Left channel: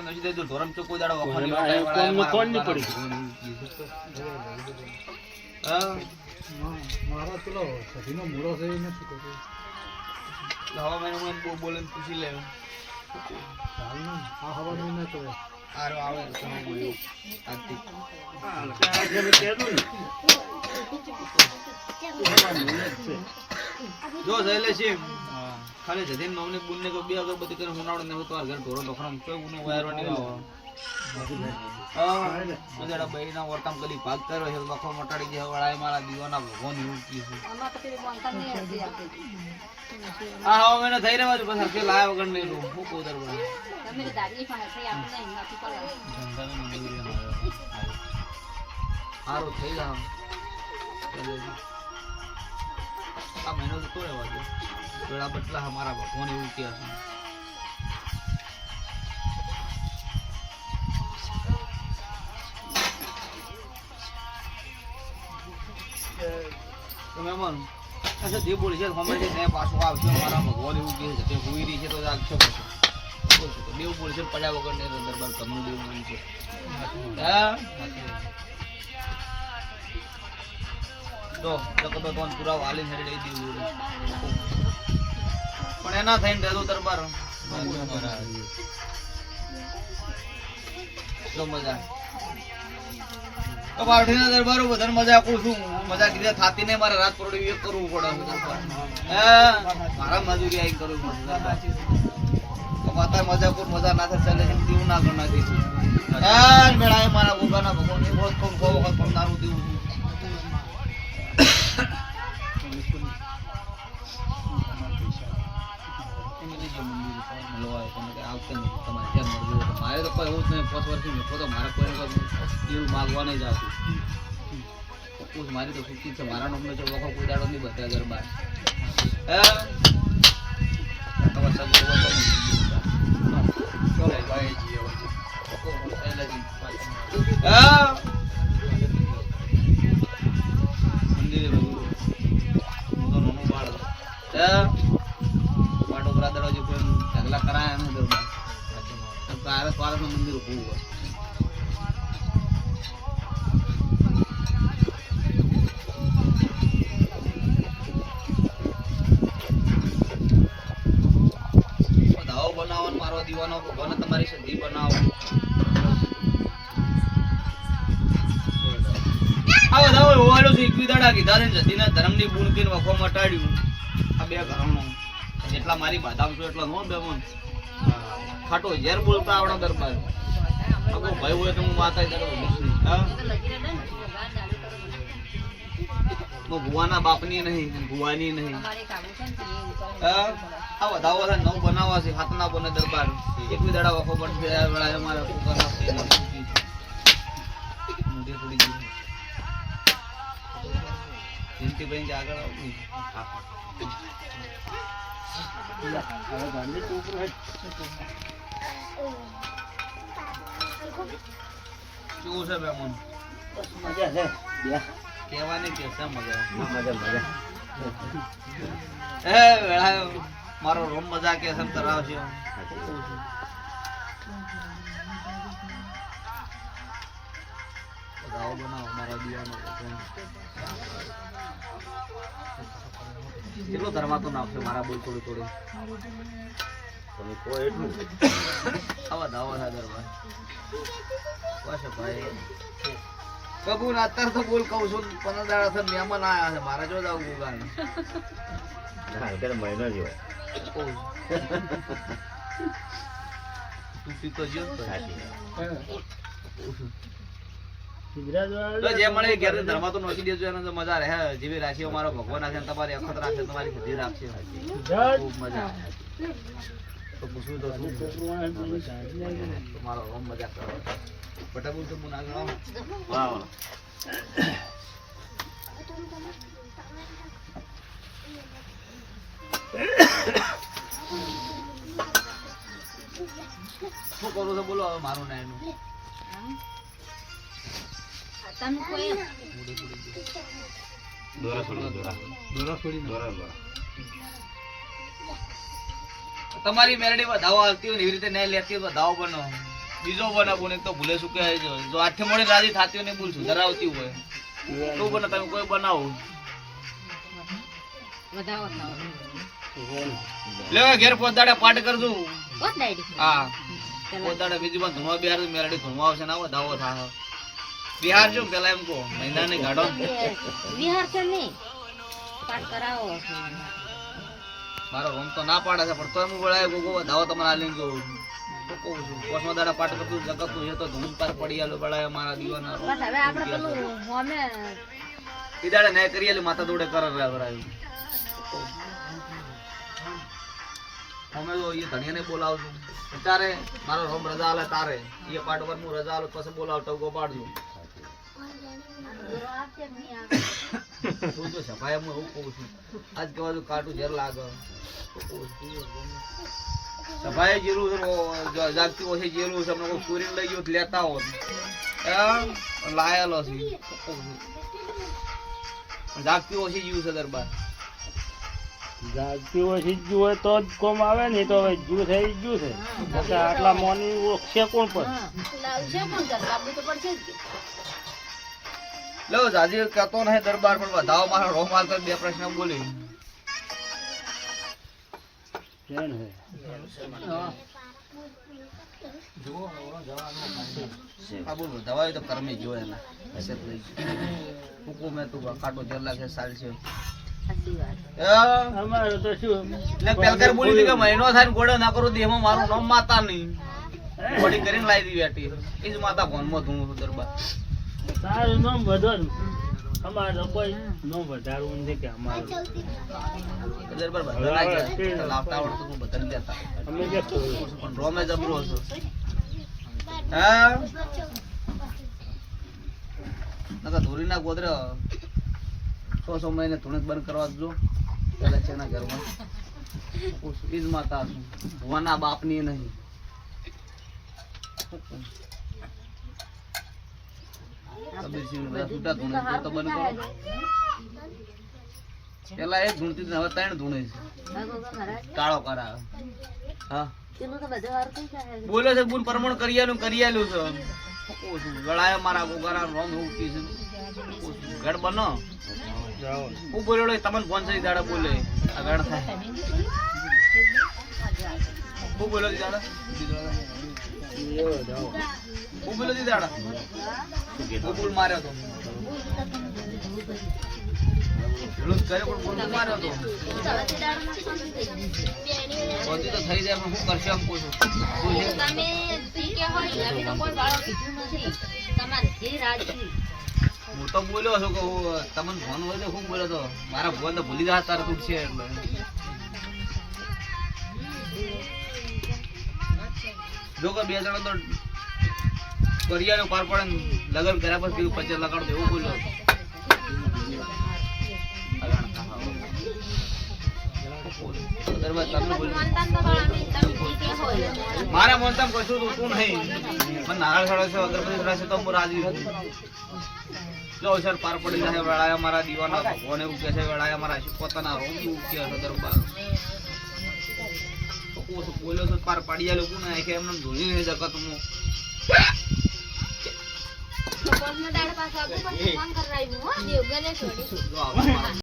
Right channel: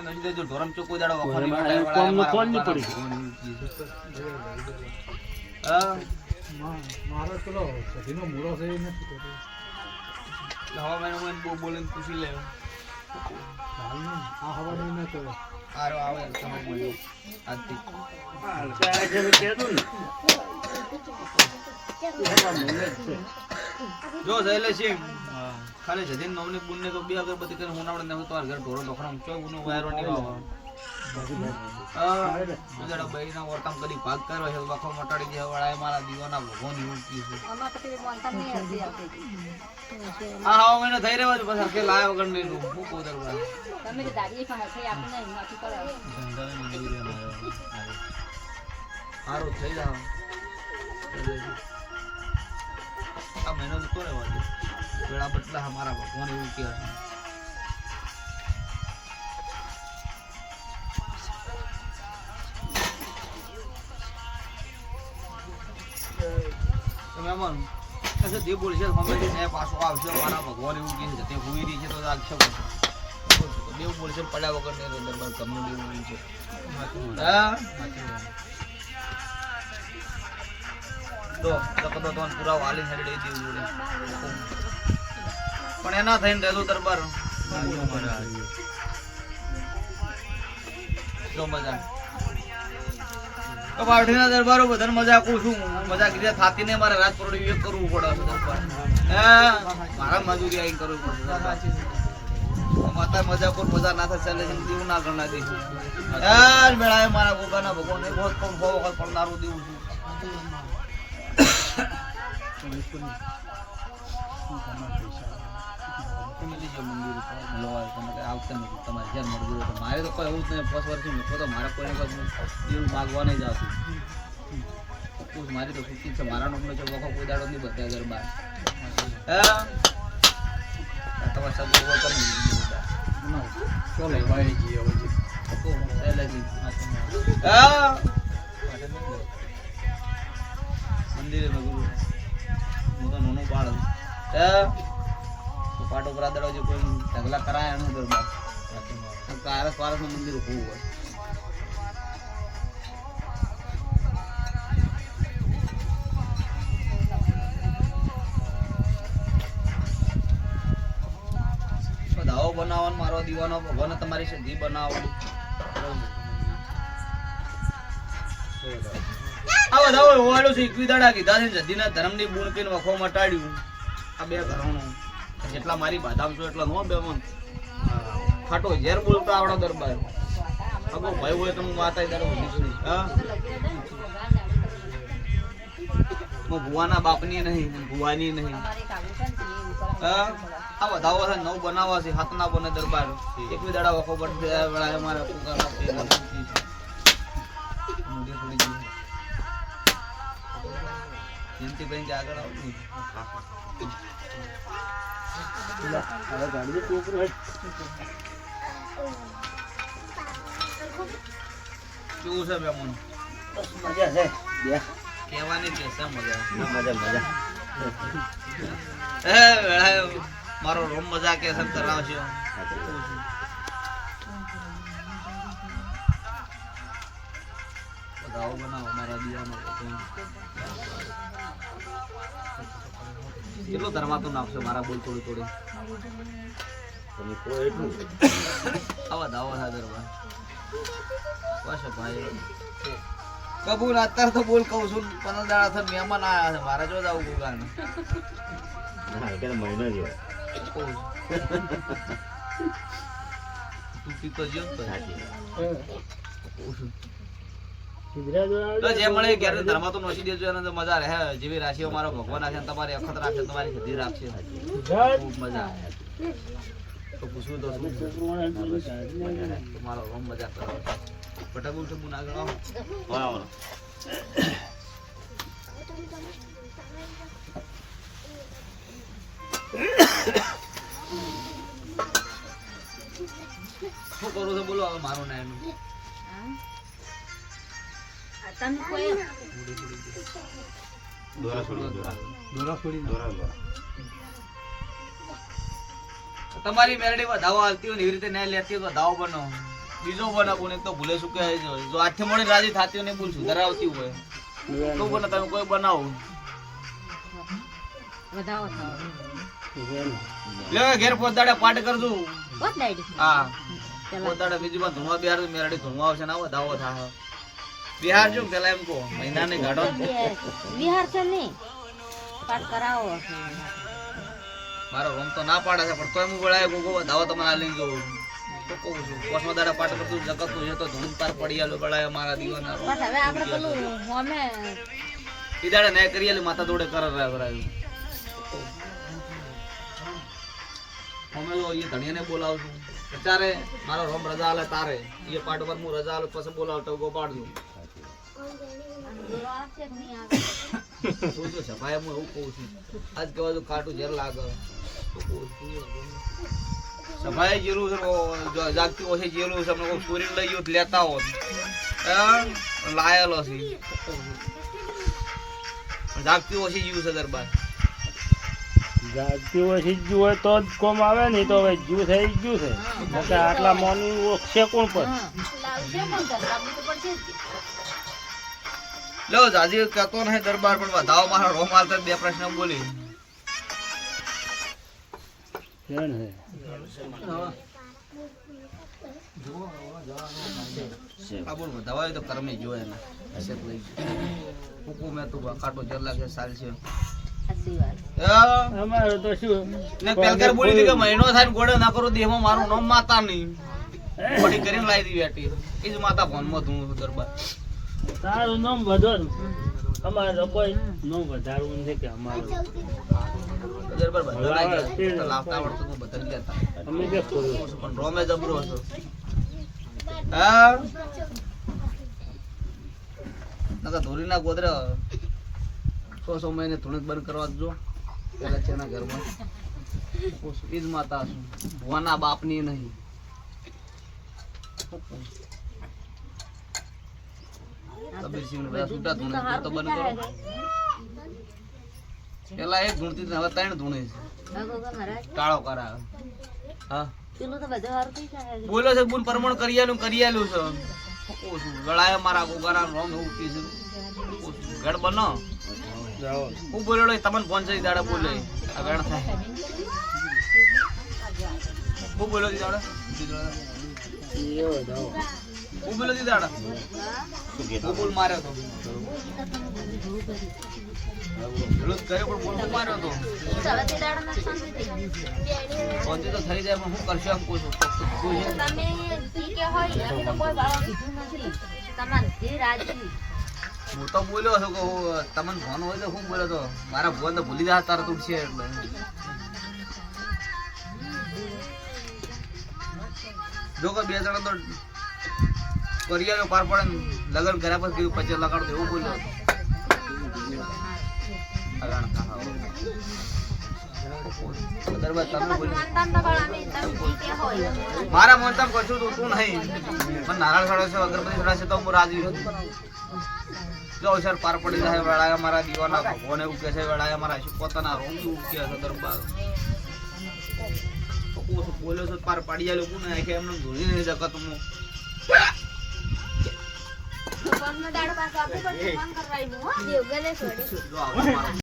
આપણે નસી દેજો ધોરમ ચો કોઈ દાડો વખોની વાળા વાળા મારા હા મારા ચલો સધીનો મૂળો છે નથી કરતો હવા મહિનો હું બોલે પૂછી લે હા હવા મહિનો તો આરો આવે તમે બોલ્યો આજથી જો જઈલે છે ખાલી જદીન મમ્મી બુનને તો બે અગરબત્તી કરીને હુનાવડે ને તો ઘર ઢોરો ઢોખરામ ચોય ઉનો વાયરો ની આવો ઉજાડા બૈના વર્તમ કદી ભાગ કર્યો છે વખો મટાડી જે વાળા મારા દીવાના ભગવાન ઉઠી છે અમાર તો પેલી મોનતા નહી હતી આ હા મેને થઈ રહ્યો છે બસ કે લાય વગર નહીં નું હું કોદર બા તમે કે દાડી પણ છે આપણે હિંમત કરો ધંધાને નીવરી અમારો હારો થઈ જાવ આ મહિનો તો રહેવા દે પેલા બટલા હમારા ભગવાન એવું કહે છે તમે મન ऐसे दे बोले છે હમણાં ને પાછો આવશે મારા ભગવાન એવું કહે છે તે હોઈ રહી છે તો આવશે દેવ બોલે છે પડ્યા વગર ને દરબાર કમનું દેવ બોલે છે હા તો લકતો તો પૂરા વાલી હરી દઈ દીધું પણ એના થઈને રહેલો દરબાર તો મજા તો પાઠીના દરબારો બધાને મજા આપું છું મજા કીધા થાતી ને મારે રાત પરોડી એક કરવું પડે દરબાર હા મારા મજૂરી આવી કરવું પડે દરબાર માતા મજા કોણ મજા ના થાય ચાલે છે દીવું ના ગણા દીધું હા મેળાએ મારા ગોગાના ભગવાન એ બહુ કોણ ખો વખત પણ દારૂ દેવું છું મારે તો કોઈ એવું જ નહીં 5 વર્ષથી મેં તો મારા કોઈને એવું માગવા નહીં જાતું મારી તો સુખી છે મારા નોમને છે વખો કોઈ દાડો નહીં બતાવ્યા ગરબા ચલો ભાઈ જી મંદિરે ભગવું હું તો નાનો બાળ બાટો બરાદરો જે કોઈ ઢગલા કરાયા ને દરબાર પારસ પારસ નું મંદિર ઉભું હોય દાવો બનાવો મારો દીવાનો ભગવાન તમારી સિદ્ધિ બનાવો આ બધા હોવાલો છે 21 દાડા કીધા છે જદીના ધર્મની બુણ કીને વખો મટાડ્યું આ બે ઘરણો જેટલા મારી બાદામ છો એટલા નો બે મન ખાટો ઝેર બોલતા આવડો દરબાર અગો ભાઈ હોય તો હું માતા દરો હા મો ભુવાના બાપની નહીં ભુવાની નહીં હા આ વધાવો છે નવ બનાવવા છે હાથના બને દરબાર 21 દાડા વખો બટ વેળા અમારા પોતાના મોટી થોડી જિંદગી બેન કે આગળ આવતી હવે ગાડી તો ઉપર હેડ શું છે બેમન મજા છે બે કહેવાની કે છે મજા મજા એ વેળા મારો રોમ મજા કે છે તરાવશે બતાવો બનાવો મારા દિયાનો કેટલો ધર્માતું નાખશે મારા બોલ થોડી થોડી તમે કોઈ એટલું આવા દાવો ના દરબાર બસ ભાઈ કબૂલ અત્યારે તો બોલ કહું છું 15 દાડા થી મહેમાન આયા છે મારા જો જાવ ગુગાન ના કે મહિનો જેવો તું પીતો જો તો સાચી તો જે મળે ઘેર ધર્મા તો નોસી દેજો એને તો મજા રહે જેવી રાશિઓ મારો ભગવાન રાખે તમારી અખત રાખે તમારી સધી રાખશે ખૂબ મજા આવે તો પૂછું તો શું તમારો રોમ મજા કરો પટાકુલ તો મુના ગણો વાહ શું કરું છો બોલો હવે મારું ના એનું તમારી મેરડી વધાવો આવતી હોય એવી રીતે નહીં લેતી હોય વધાવો બનો બીજો બનાવું ને તો ભૂલે શું કહે જો આઠે મોડી રાજી થતી હોય ને બોલ સુધારાવતી હોય તો બને તમે કોઈ બનાવો લે ઘેર પોતાડે પાટ કરજો હા પોતાડે બીજી માં ધૂણવા બિહાર મેરડી ધૂણવા આવશે ને આવો દાવો થા બિહાર જો પેલા એમ કો મહિના ને ગાડો બિહાર છે ને પાટ કરાવો મારો રોમ તો ના પાડે છે પણ તોય હું બોલાય ગોગો દાવો તમારા લઈને જો તો કહું છું પોસમાં દાડા પાટ કરતું જગતું છે તો ધૂણ પાર પડી આલો બળાય મારા દીવાના બસ હવે આપણે પેલું હોમે ઈ દાડા ને કરી આલી માથા દોડે કર રાયું અમે જો એ ધણીયાને બોલાવશું તારે મારો રોમ રજા આલે તારે એ પાટ પર હું રજા આલે પછી બોલાવતો ગો પાડજો શું તો સફાઈ હું એવું કહું છું આજ કહેવા જો કાટું ઝેર લાગે સફાઈ જેલું છે જાગતી ઓછી જેલું છે અમને કોઈ ચોરીને લઈ ગયો લેતા હોત લાયેલો છે જાગતી ઓછી જીવ છે દરબાર જાગતી ઓછી જ હોય તો જ કોમ આવે ને તો હવે જુ થઈ ગયું છે આટલા મોનું છે કોણ પણ લો જાજી કહેતો નહીં દરબાર પણ વધાવો મારો રોમ હાલતા બે પ્રશ્ન બોલી કેમ હે આ બોલ વધાવા તો કરમે જો એના હશે તો લઈ હુકુમ મે તું કાટો જર લાગે સાલ છે અમારો તો શું ને પેલકર બોલી દી કે મહિનો થાય ને ગોડો ના કરો દેહમાં મારું નામ માતા નહીં બોડી કરીને લાવી દી બેટી એ જ માતા ભોનમાં ધૂણું છું દરબાર તારું નામ વધો ને અમારે તો કોઈ નામ વધારવું નથી કે અમારું દરબાર બધા લાગે તો લાવતા આવડતું તું બદલી લેતા અમે જે પણ રોમે જબરો છો હા નકા ધોરી ના ગોદરે 100 મહિને ધૂણત બંધ કરવા જો પેલા છે ના ઘરમાં ઈજ માતા છું ભુવાના બાપની નહીં કબીરસિંહ ને બધા છૂટા ધૂણે તો બંધ કરો પેલા એક ધૂણતી હવે 3 ધૂણે છે કાળો કરાવે હા બોલો છે બુન પરમણ કરી આલું છે ગળાય મારા ગોગાના રોમ એવું પીશું ગળ બનો હું બોલ્યો તમને ફોન છે દાડા બોલે આ ગણ થાય હું બોલ્યો દાડા હું બોલ્યો દાડા હું બોલ માર્યો તો વિરોધ કર્યો પણ બોલ હું માર્યો તો પહોંચી તો થઈ જાય પણ હું કરશે એમ પૂછું હું તો બોલ્યો છું કે તમને ફોન હોય તો હું બોલ્યો તો મારા ફોન તો ભૂલી જાય તારા તૂટશે એટલે જો કે 2 જણા તો કરિયાનો પાર પડે લગન કર્યા પછી પછી લગાડતો એવું બોલ્યો મારા મોનતા કશું તું નહીં પણ નારાયણ સડો છે અગરબત્તી સડાશે તો હું રાજી હતી જો અવસર પાર પડી જાય વેળાયા મારા દીવાના ભગવાન એવું કે છે વેળાયા મારા પોતાના રોમ એવું કે છે દરબાર બોલ્યો છો પાર પાડી જાય લોકો ને કે એમને ધોની નહીં જગત હું